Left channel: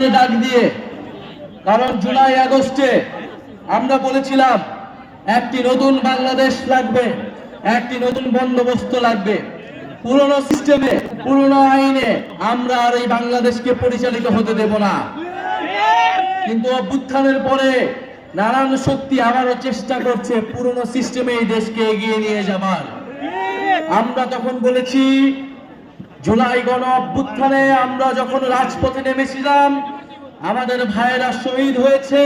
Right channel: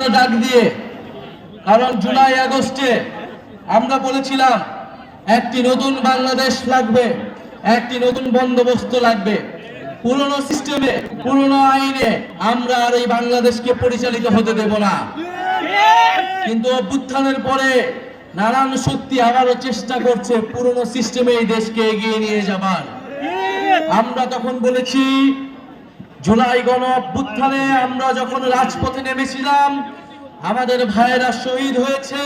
ডাক দিয়ে, কারণ জুলাই, আগস্টে আমরা বলেছিলাম, একটি নতুন বাংলাদেশ লাগবে, একটি নতুন বন্দোবস্ত লাগবে। পুরনো সিস্টেমে, পুরনো আইনে আমরা আর এই বাংলাদেশকে পরিচালিত হতে দেব না। কিন্তু অভ্যুত্থানের পরে নানান শক্তি আবারও চেষ্টা করছে পুরনো সিস্টেমে এই দেশকে এগিয়ে নিয়ে যাবার। আমরা তখন বলেছি জুলাই গণ অভ্যুত্থানে আমরা যখন রাজপথে নেমেছিলাম, আমাদের ভাইয়েরা শহীদ হয়েছে,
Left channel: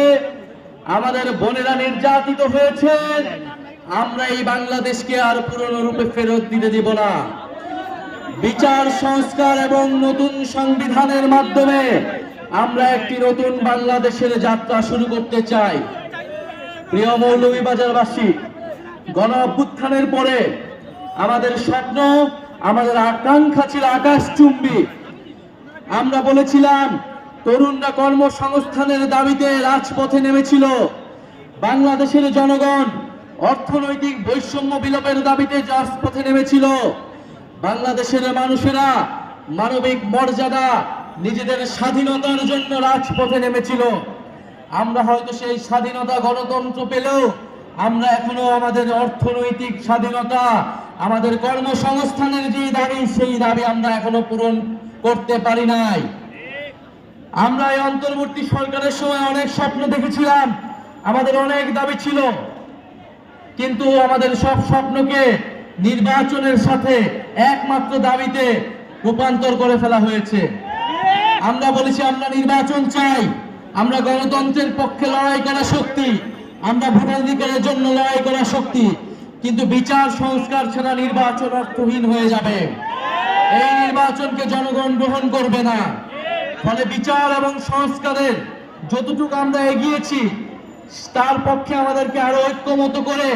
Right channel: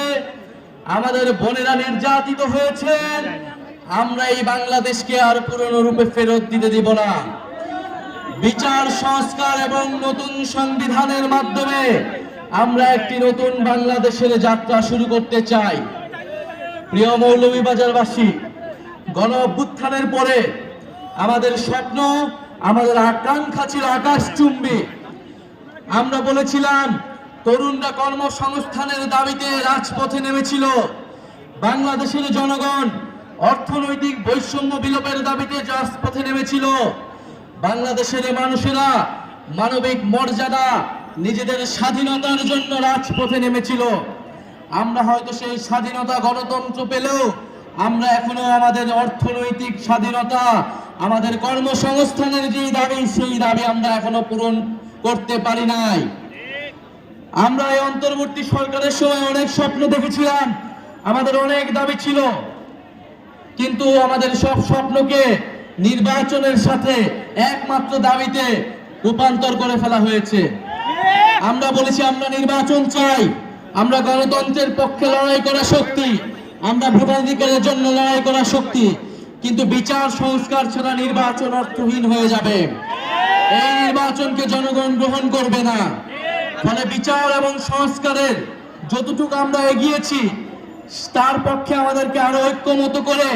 আমাদের বোনেরা নির্যাতিত হয়েছে, আমরা এই বাংলাদেশকে আর পুরনো রূপে ফেরত দিতে দিব না। বিচার, সংস্কার এবং নতুন সংবিধানের মাধ্যমে আমরা একটি নতুন বাংলাদেশের যাত্রা শুরু করতে চাই। প্রিয় মৌলভীবাজারবাসী গণ অভ্যুত্থানের পরে আমাদের স্বপ্ন আমাদের আকাঙ্ক্ষা ছিল আকাশ চুম্বি আমরা বলেছিলাম, তরুণরা কর্মসংস্থানের দাবিতে রাজপথে নেমেছিল। বাংলাদেশের জনগণ অর্থনৈতিক বৈষম্য বিলোপের দাবিতে রাজপথে নেমেছিল। বাংলাদেশের মানুষেরা মানবিক মর্যাদা, নিজেদের স্বাধীনতার জন্য রাজপথে নেমেছিল। আমরা হয়তো সেই স্বাধীনতা গণতন্ত্র পেলেও আমরা এখনও আমাদের অর্থনৈতিক স্বাধীনতা আমাদের কর্মসংস্থানের যে দাবি, সেই দাবি আমরা এখনও পূরণ করতে পারি নাই। আমরা এই অন্তর্বর্তী সরকারের সময় অনেক স্বপ্ন দেখেছিলাম, আমাদের অনেক দাবি ছিল। কিন্তু আমাদের সব স্বপ্নকে নির্বাচনের সাথে একমাত্র দাবিতে রূপান্তর করে ফেলা হয়েছে। আমরা বলেছি, আমরা নির্বাচন চাই, আমরা গণতন্ত্রের পক্ষে লড়াই করা শক্তি, আমরা ভোটাধিকারের জন্য লড়াই করা শক্তি। কিন্তু বিচার, সংস্কার ছাড়া নির্বাচন অর্থহীন হয়ে যাবে। এই নির্বাচনকে জনগণ গ্রহণ করবে না। ফলে বিচার এবং সংস্কারের যতটুকু আমরা এগিয়েছি, তার পক্ষে আমাদেরকে আরও ঐক্যমত করে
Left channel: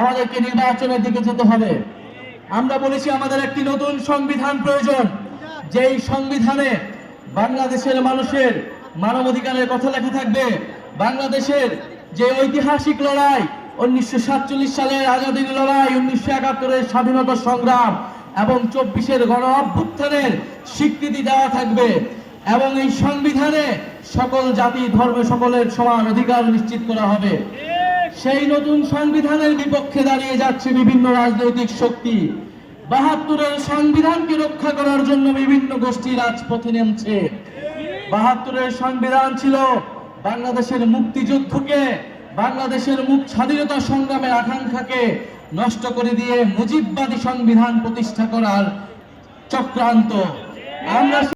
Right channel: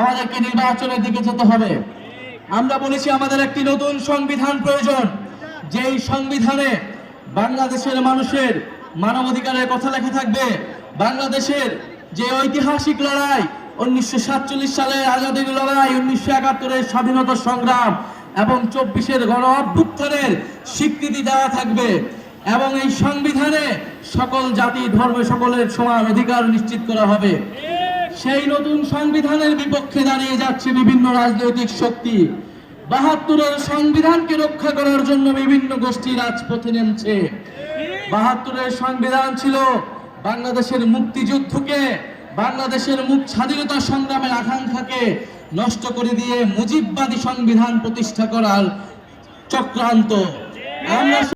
আমাদেরকে নির্বাচনের দিকে যেতে হবে। আমরা বলেছি, আমাদের একটি নতুন সংবিধান প্রয়োজন। যেই সংবিধানে বাংলাদেশের মানুষের মানবাধিকারের কথা লেখা থাকবে, বাংলাদেশের যে ঐতিহাসিক লড়াই উনিশশো সাতচল্লিশ সালের আজাদির লড়াই, উনিশশো একাত্তরের স্বাধীনতা সংগ্রাম এবং চব্বিশের গণ অভ্যুত্থানের স্বীকৃতি দেওয়া থাকবে। এবং এই সংবিধানে সকল জাতি, ধর্ম সকলের সমান অধিকার নিশ্চিত করা হবে। সেই নতুন সংবিধানের বিপক্ষে দাঁড়িয়ে যাচ্ছে বিভিন্ন রাজনৈতিক শক্তি। বাহাত্তরের সংবিধানকে রক্ষা করার জন্য বিভিন্ন গোষ্ঠী রাজপথে নেমছে। বাহাত্তরের সংবিধান ছিল বাংলাদেশের মুক্তিযুদ্ধকে বাংলাদেশের মুখ স্বাধীনতা সংগ্রামের আকাঙ্ক্ষাকে নষ্ট করে দিয়ে মুজিববাদী সংবিধান প্রতিষ্ঠা করার চক্রান্ত। আমরা